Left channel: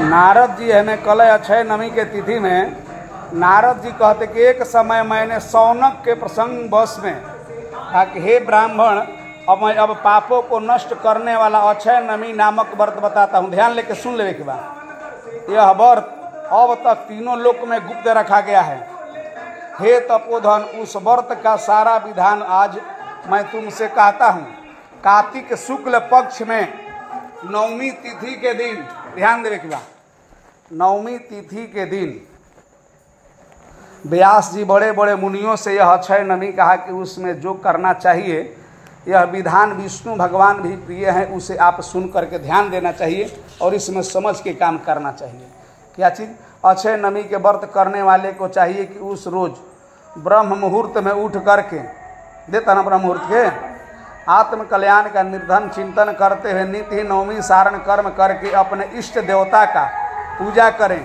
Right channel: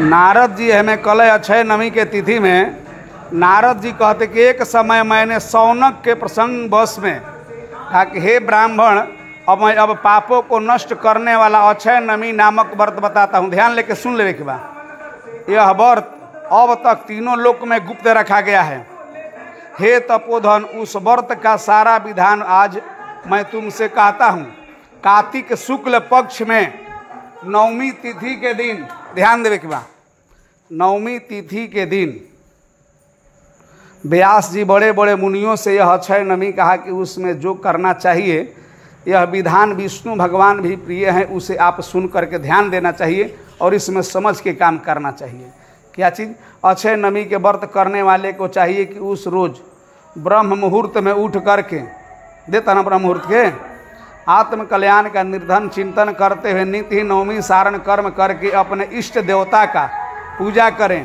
नारद जी हमें कल अक्षय नवमी के तिथि में नारद जी कहते कि एक समय मैंने सौनक के प्रसंग बस में कहा कि हे ब्राह्मण, अब मैं पापों को नष्ट करने वाला अक्षय नवमी नामक व्रत बताता हूँ। ध्यान लेके सुन लेने के बाद, यह व्रत अब तक तीनों लोक में गुप्त रखा गया है। हे तपोधन, उस व्रत का सारा विधान आज मैं तुमसे कहता हूँ। कार्तिक शुक्ल पक्ष में नवमी तिथि के दिन, ध्यान देवे के बाद, नवमी तिथि के दिन व्यास जी बड़े बड़े मुनियों से यह अक्षय नवमी कहा कि उसमें जो करना चाहिए, यह विधान विष्णु भगवान भी प्रिय हैं, उसे आप सुन करके ध्यान देना चाहिए और इसमें समझ के काम करना चाहिए। क्या चीज़? अक्षय नवमी के व्रत करने वाले को चाहिए कि उस रोज ब्रह्म मुहूर्त में उठ करके, देता ना ब्रह्म मुहूर्त के, आत्म कल्याण का निर्धन चिंतन करते हुए नित्य ही नवमी सारण कर्म करके अपने इष्ट देवता का पूजा करें।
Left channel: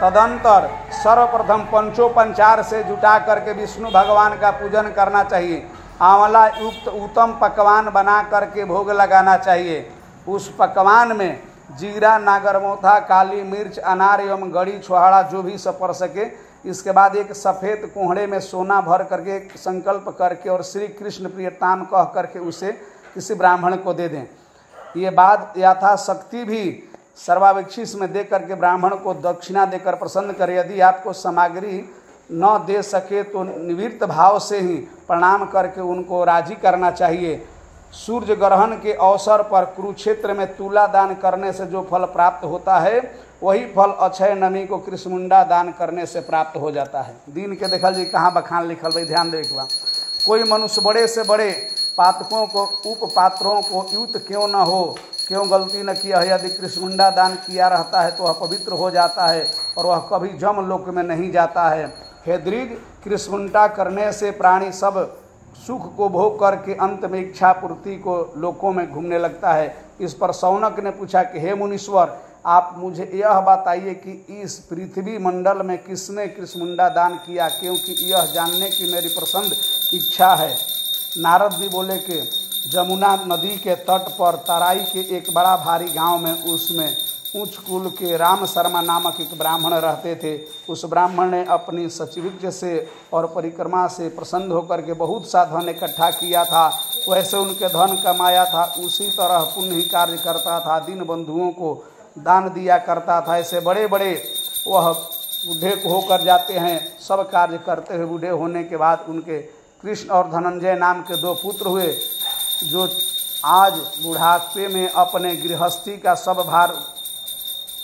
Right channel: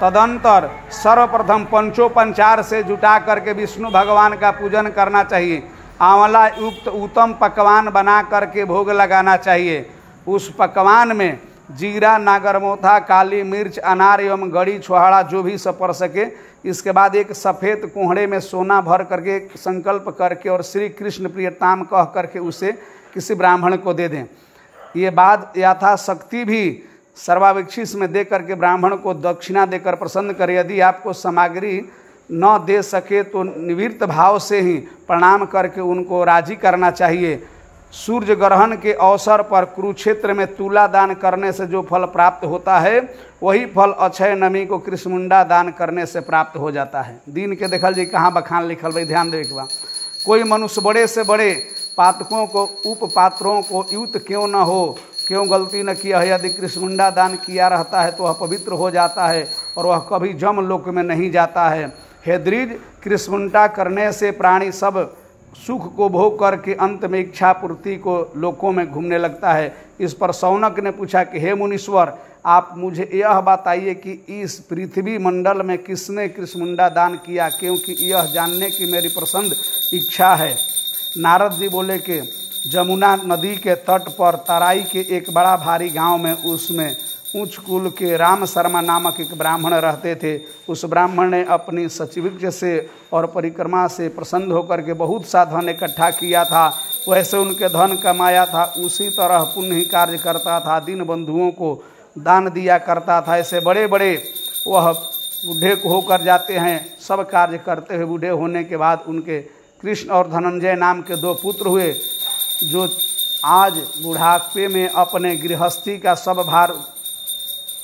तदंतर सर्वप्रथम पंचोपचार से जुटा करके विष्णु भगवान का पूजन करना चाहिए। आंवला युक्त उत्तम पकवान बना करके भोग लगाना चाहिए। उस पकवान में जीरा, नागरमोथा, काली मिर्च, अनार एवं गड़ी छोहाड़ा जो भी सब पड़ सके। इसके बाद एक सफ़ेद कुहड़े में सोना भर करके संकल्प करके और श्री कृष्ण प्रियताम कह करके उसे किसी ब्राह्मण को दे दें। ये बात यथाशक्ति भी सर्वाभिक्षिस में दे करके ब्राह्मण को दक्षिणा देकर प्रसन्न करें। यदि आपको सामग्री न दे सके तो निवृत्त भाव से ही प्रणाम करके उनको राजी करना चाहिए। सूर्य ग्रहण के अवसर पर कुरुक्षेत्र में तुला दान करने से जो फल प्राप्त होता है, वही फल अक्षय नवमी को कृष्णमुंडा दान करने से प्राप्त हो जाता है। दिन के देखल जी कहाँ बखान लिखल भाई, ध्यान देख बा। कोई मनुष्य बड़े से बड़े पातकों को, उपपात्रों को युक्त क्यों न हो, क्यों गलती न किया है, यदि कृष्णमुंडा दान किया रहता है तो वह पवित्र हो जाता है और वह कभी जम लोक में नहीं जाता है। हे द्विज, कृष्णमुंडा करने से प्राणी सब सुख को भोग करके अंत में इच्छा पूर्ति को लोकों में घूमने लगता है। इस पर सौनक ने पूछा कि हे मुनीश्वर, आप मुझे यह बताइए कि इस पृथ्वी मंडल में किसने कृष्णमुंडा दान किया, क्योंकि यह जानने की मेरी प्रसन्न इच्छा है। नारद जी बोले कि जमुना नदी के तट पर तराई के एक बड़ा भारी गांव में, उसमें उच्च कुल के राम शर्मा नामक एक ब्राह्मण रहते थे। उस ब्राह्मण ने अपनी सचिविज्ञ से और परिक्रमा से प्रसन्न होकर के बहुत सा धन इकट्ठा किया था। वैसे उनके धन कमाया था, उसी तरह पुण्य कार्य करता था, दीन बंधुओं को दान दिया करता था। ऐसे बड़े बड़े वह बूढ़े होकर जाते हैं, सब कार्य करते हुए बूढ़े होने के बाद उनके कृष्ण और धनंजय नाम के दो पुत्र हुए, जो आज बुढ़ापे में अपने गृहस्थी का सब भार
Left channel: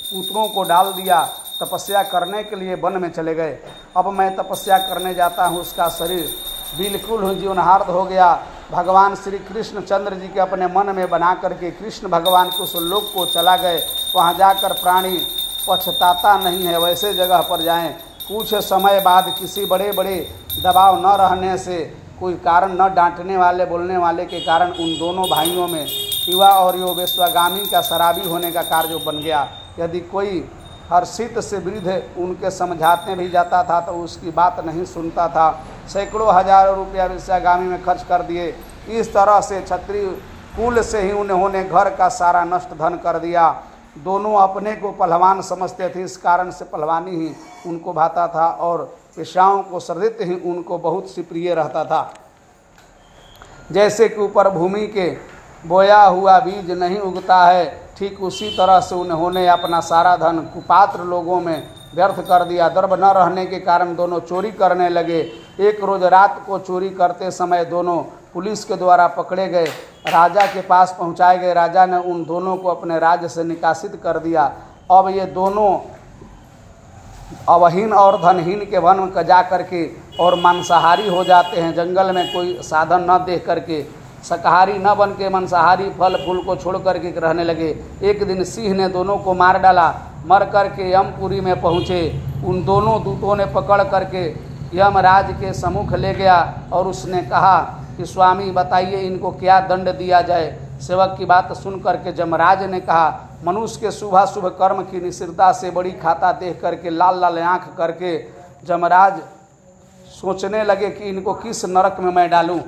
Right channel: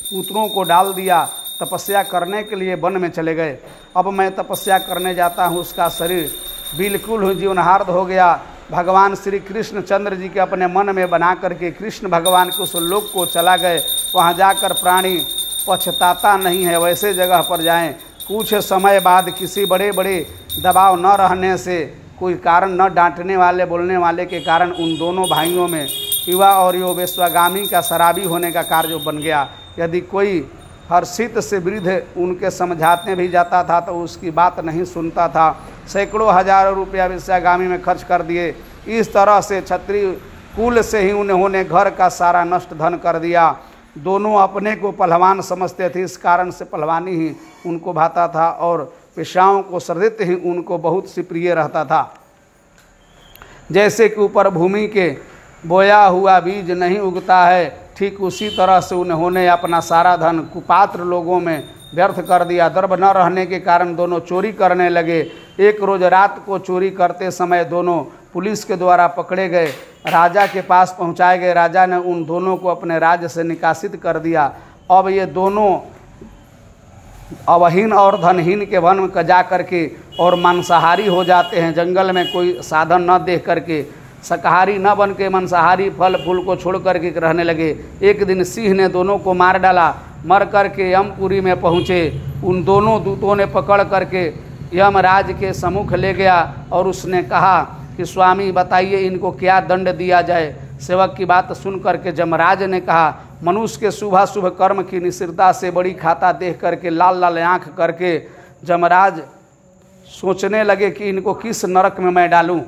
पुत्रों को डाल दिया, तपस्या करने के लिए वन में चले गए। अब मैं तपस्या करने जाता हूँ, उसका शरीर बिल्कुल जीवनहार्द हो गया। भगवान श्री कृष्ण चंद्र जी के अपने मन में बना करके कृष्ण भगवान के उस लोक को चला गए। वहाँ जाकर प्राणी पछताता नहीं है, वैसे जगह पर जाएं। कुछ समय बाद किसी बड़े बड़े दबाव न रहने से, कोई कारण न डांटने वाले बोलने वाले के कारण उन दोनों भाइयों में युवा और यो वेश्वागामी का शराबी होने का कार्य बन गया। यदि कोई हर्षित से वृद्ध उनके समझाते भी जाता था तो उसकी बात नहीं सुनता था। सैकड़ों हजारों रुपया वेश्वागामी में खर्च कर दिए। इस तरह से क्षत्रिय कुल से ही उन्होंने घर का सारा नष्ट धन कर दिया। दोनों अपने को पहलवान समझते थे, इस कारण से पहलवानी ही उनको भाता था और पेशाओं को सर्दित ही उनको बहुत सी प्रिय रहता था। जैसे कि ऊपर भूमि के बोया हुआ बीज नहीं उगता है, ठीक उसी तरह से उन्होंने अपना सारा धन कुपात्र लोगों में व्यर्थ कर दिया। दर्भ न रहने के कारण दोनों चोरी करने लगे। एक रोज रात को चोरी करते समय दोनों पुलिस के द्वारा पकड़े गए, राजा के पास पहुंचाए गए। राजा ने उन दोनों को अपने राज्य से निकासित कर दिया। अब ये दोनों अवहीन और धनहीन के वन में जा करके और मांसाहारी हो जाते हैं। जंगल में कोई साधन न देख करके शाकाहारी न बन के मांसाहारी फल फूल को छोड़ करके रहने लगे। एक दिन सिंह ने दोनों को मार डाला। मर करके यमपुरी में पहुँचे। उन दोनों दूतों ने पकड़ करके यमराज के सम्मुख ले गया और उसने कहा कि स्वामी बताइए इनको क्या दंड दिया जाए। सेवक की बात सुन करके यमराज ने कहा, मनुष्य के शुभ कर्म की निश्चिरता से बड़ी खाता देख करके लाल लाल आँख करके यमराज सोचने लगे कि इनको किस नरक में मैं डालूं।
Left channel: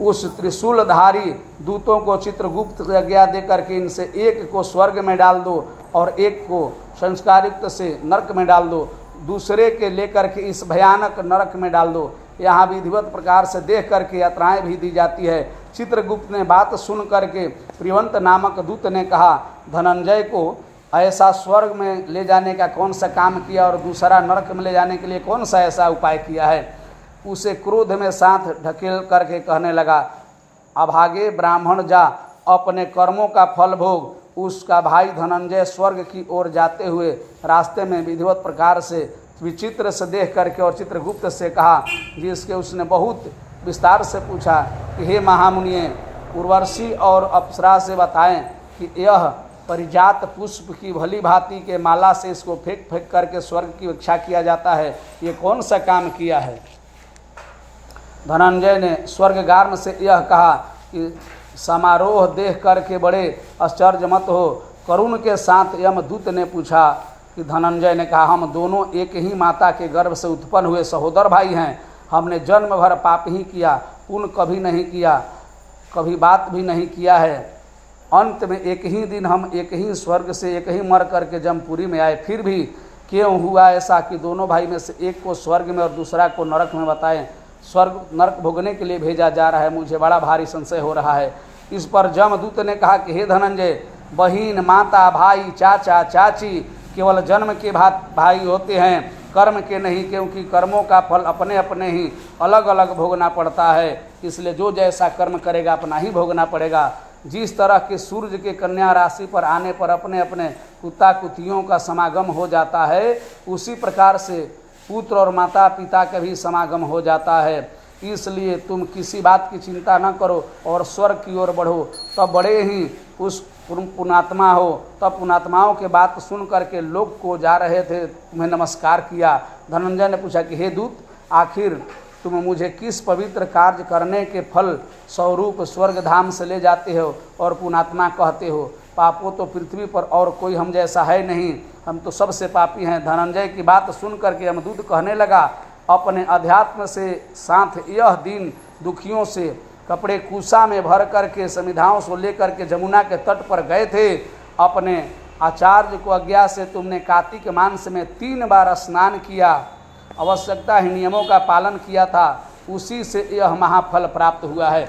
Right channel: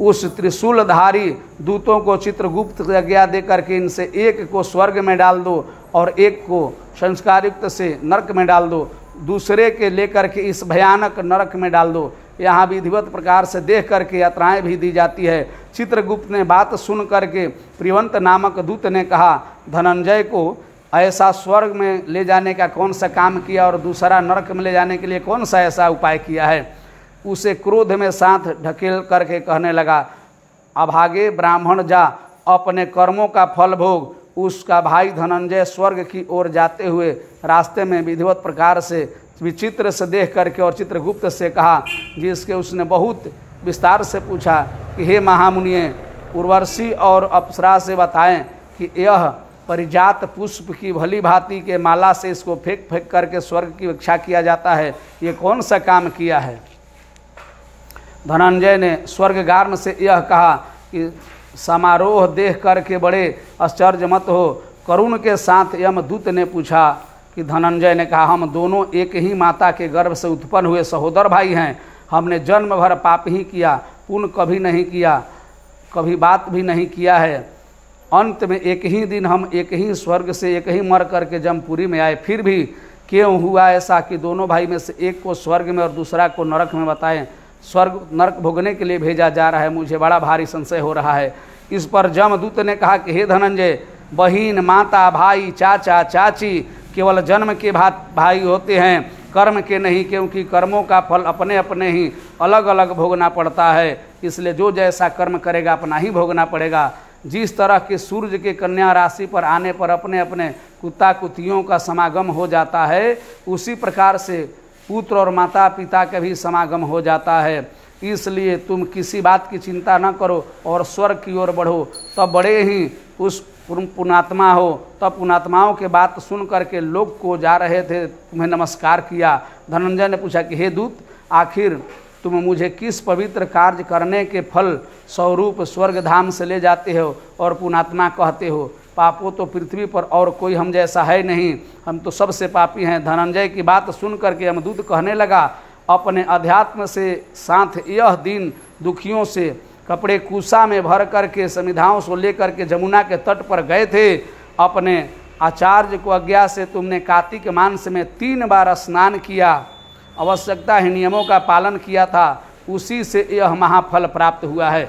उस त्रिशूलधारी दूतों को चित्रगुप्त आज्ञा दे करके इनसे एक को स्वर्ग में डाल दो और एक को संस्कारयुक्त से नरक में डाल दो, दूसरे के लेकर के इस भयानक नरक में डाल दो। यहाँ विधिवत प्रकार से देख करके यात्राएं भी दी जाती है। चित्रगुप्त ने बात सुन करके प्रियवंत नामक दूत ने कहा, धनंजय को ऐसा स्वर्ग में ले जाने का कौन सा काम किया और दूसरा नरक में ले जाने के लिए कौन सा ऐसा उपाय किया है। उसे क्रोध में साथ ढकेल करके कहने लगा, अभागे ब्राह्मण जा, अपने कर्मों का फल भोग। उसका भाई धनंजय स्वर्ग की ओर जाते हुए रास्ते में विधिवत प्रकार से विचित्र से देख करके और चित्रगुप्त से कहा, जिसके उसने बहुत विस्तार से पूछा कि हे महामुनिये, उर्वशी और अप्सरा से बताएं कि यह परिजात पुष्प की भली भांति के माला से इसको फेंक फेंक करके स्वर्ग की इच्छा किया जाता है, ये कौन सा काम किया है। धनंजय ने स्वर्गगार्म से यह कहा कि समारोह देख करके बड़े आश्चर्य मत हो। करुण के साथ यमदूत ने पूछा कि धनंजय ने कहा, हम दोनों एक ही माता के गर्भ से उत्पन्न हुए सहोदर भाई हैं। हमने जन्म भर पाप ही किया, पुण्य कभी नहीं किया, कभी बात भी नहीं किया है। अंत में एक ही दिन हम एक ही स्वर्ग से एक ही मर करके जमपुरी में आए। फिर भी क्यों हुआ ऐसा कि दोनों भाई में से एक को स्वर्ग में और दूसरा को नरक में बताएं। स्वर्ग नरक भोगने के लिए भेजा जा रहा है, मुझे बड़ा भारी संशय हो रहा है। इस पर जमदूत ने कहा कि हे धनंजय, बहिन, माता, भाई, चाचा, चाची केवल जन्म के भाई होते हैं, कर्म के नहीं, क्योंकि कर्मों का फल अपने अपने ही अलग अलग भोगना पड़ता है। इसलिए जो जैसा कर्म करेगा अपना ही भोगना पड़ेगा। जिस तरह के सूर्य के कन्या राशि पर आने पर अपने अपने कुत्ता कुतियों का समागम हो जाता है, उसी प्रकार से पुत्र और माता पिता का भी समागम हो जाता है। इसलिए तुम किसी बात की चिंता न करो और स्वर्ग की ओर बढ़ो। तब बड़े ही उस पुण्यात्मा हो। तब पुण्यात्माओं के बात सुन करके लोग को जा रहे थे, तुम्हें नमस्कार किया। धनंजय ने पूछा कि हे दूत, आखिर तुम मुझे किस पवित्र कार्य करने के फल स्वरूप स्वर्ग धाम से ले जाते हो और पुण्यात्मा कहते हो। पापों तो पृथ्वी पर और कोई हम जैसा है नहीं, हम तो सबसे पापी हैं। धनंजय की बात सुन करके यमदूत कहने लगा, अपने अध्यात्म से साथ यह दिन दुखियों से कपड़े कुसा में भर करके समिधाओं से लेकर के जमुना के तट पर गए थे। अपने आचार्य को आज्ञा से तुमने कार्तिक मास में 3 बार स्नान किया, आवश्यकता ही नियमों का पालन किया था, उसी से यह महाफल प्राप्त हुआ है।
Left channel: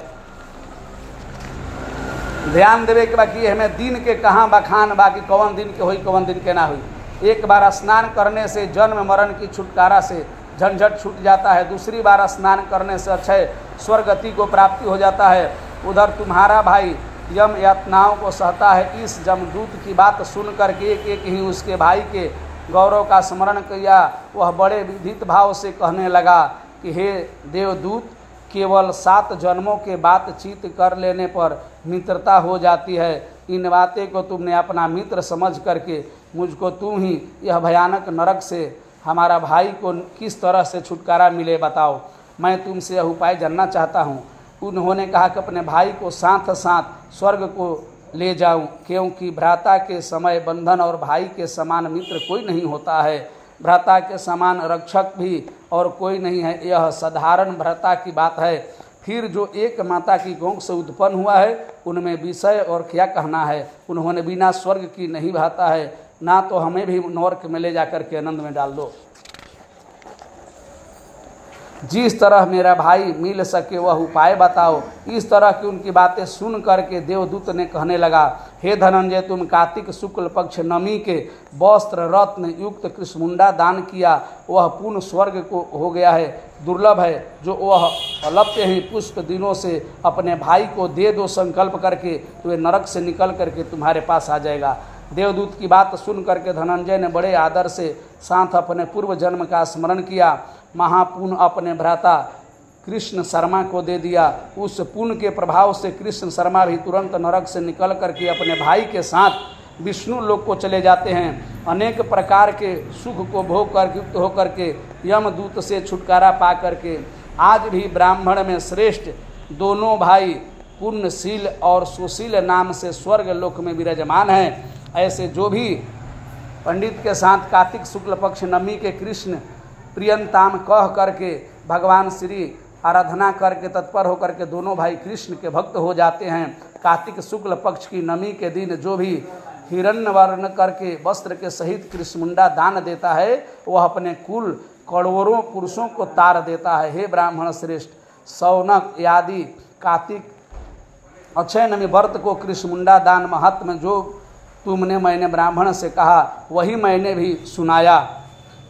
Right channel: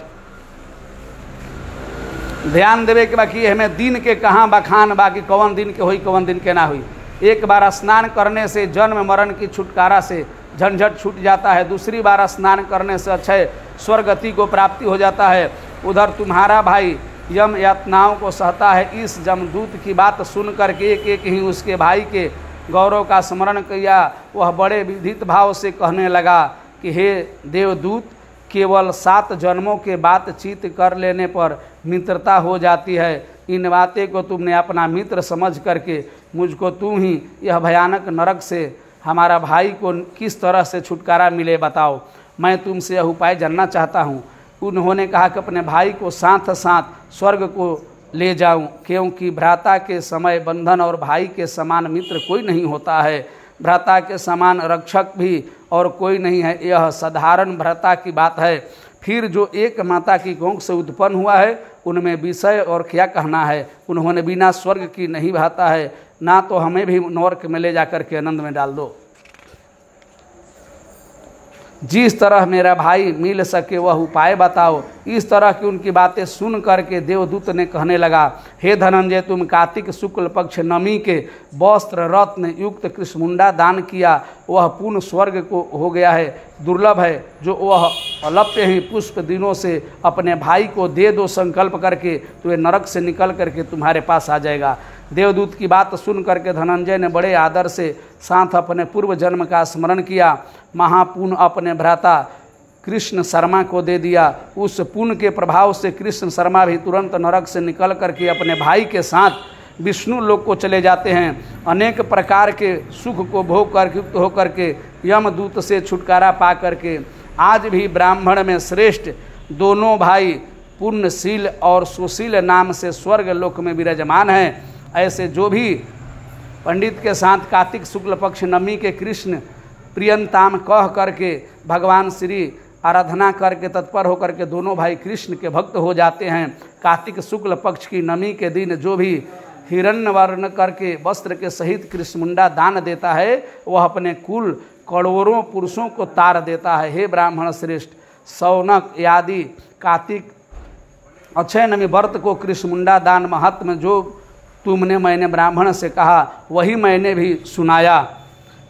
ध्यान देवे के बाकी हमें दिन के कहाँ बखान, बाकी कौन दिन के हुई कौन दिन के ना हुई। एक बार स्नान करने से जन्म मरण की छुटकारा से झंझट छूट जाता है, दूसरी बार स्नान करने से अक्षय स्वर्गति को प्राप्ति हो जाता है। उधर तुम्हारा भाई यम यातनाओं को सहता है। इस जमदूत की बात सुन करके एक एक ही उसके भाई के गौरव का स्मरण किया। वह बड़े विधित भाव से कहने लगा कि हे देवदूत, केवल 7 जन्मों के बातचीत कर लेने पर मित्रता हो जाती है। इन बातें को तुमने अपना मित्र समझ करके मुझको तुम ही यह भयानक नरक से हमारा भाई को किस तरह से छुटकारा मिले बताओ। मैं तुमसे यह उपाय जानना चाहता हूँ। उन्होंने कहा कि अपने भाई को साथ साथ स्वर्ग को ले जाऊं, क्योंकि भ्राता के समय बंधन और भाई के समान मित्र कोई नहीं होता है। भ्राता के समान रक्षक भी और कोई नहीं है, यह साधारण भ्राता की बात है। फिर जो एक माता की गोंग से उत्पन्न हुआ है, उनमें विषय और क्या कहना है। उन्होंने बिना स्वर्ग की नहीं भाता है, ना तो हमें भी नरक में ले जाकर के आनंद में डाल दो। जिस तरह मेरा भाई मिल सके वह उपाय बताओ। इस तरह की उनकी बातें सुन करके देवदूत ने कहने लगा, हे धनंजय, तुम कार्तिक शुक्ल पक्ष नमी के वस्त्र रत्न युक्त कृष्णमुंडा दान किया, वह पुण्य स्वर्ग को हो गया है। दुर्लभ है जो वह अलप्य ही पुष्प दिनों से अपने भाई को दे दो संकल्प करके, तो वे नरक से निकल करके तुम्हारे पास आ जाएगा। देवदूत की बात सुन करके धनंजय ने बड़े आदर से साथ अपने पूर्व जन्म का स्मरण किया। महापुण्य अपने भ्राता कृष्ण शर्मा को दे दिया। उस पुण्य के प्रभाव से कृष्ण शर्मा भी तुरंत नरक से निकल करके अपने भाई के साथ विष्णु लोक को चले जाते हैं। अनेक प्रकार के सुख को भोग कर युक्त होकर के यमदूत से छुटकारा पा करके आज भी ब्राह्मण में श्रेष्ठ दोनों भाई पुण्यशील और सुशील नाम से स्वर्ग लोक में विराजमान हैं। ऐसे जो भी पंडित के साथ कार्तिक शुक्ल पक्ष नमी के कृष्ण प्रियंताम कह करके भगवान श्री आराधना करके तत्पर होकर के दोनों भाई कृष्ण के भक्त हो जाते हैं। कार्तिक शुक्ल पक्ष की नमी के दिन जो भी हिरण्य वर्ण करके वस्त्र के सहित कृष्णमुंडा दान देता है वह अपने कुल करोड़ों पुरुषों को तार देता है। हे ब्राह्मण श्रेष्ठ, शौनक आदि कार्तिक अक्षय नमी व्रत को कृष्णमुंडा दान महात्म जो तुमने मैंने ब्राह्मण से कहा वही मैंने भी सुनाया।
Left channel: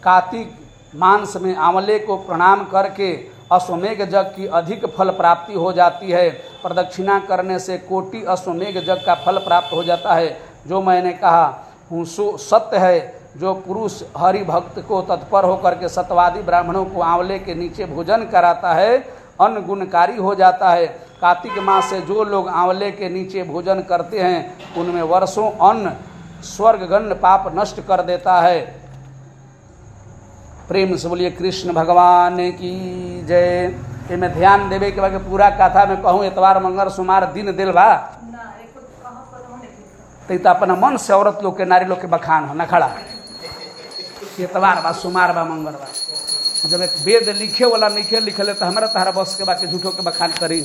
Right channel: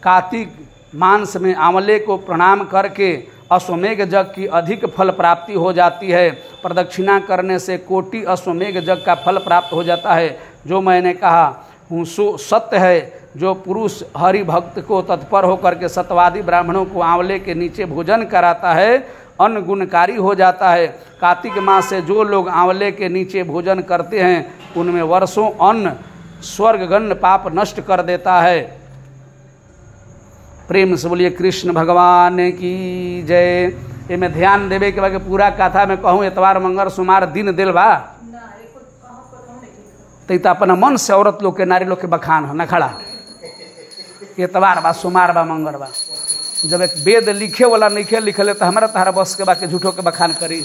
कार्तिक मांस में आंवले को प्रणाम करके अश्वमेघ जग की अधिक फल प्राप्ति हो जाती है। प्रदक्षिणा करने से कोटि अश्वमेघ जग का फल प्राप्त हो जाता है। जो मैंने कहा हूँ सो सत्य है। जो पुरुष हरि भक्त को तत्पर होकर के सत्यवादी ब्राह्मणों को आंवले के नीचे भोजन कराता है अन्न गुणकारी हो जाता है। कार्तिक मास से जो लोग आंवले के नीचे भोजन करते हैं उनमें वर्षों अन्न स्वर्गगण पाप नष्ट कर देता है। प्रेम से बोलिए कृष्ण भगवान की जय। ये मैं ध्यान देवे के बाद पूरा कथा में कहूँ एतवार मंगल सोमवार दिन दिल बा तो अपना मन से औरत लोग के नारी लोग के बखान हो न खड़ा एतवार बा सोमवार बा मंगल बा। जब एक वेद लिखे वाला नहीं लिखले तो हमारा तहरा बस के बाकी झूठों के बखान करी।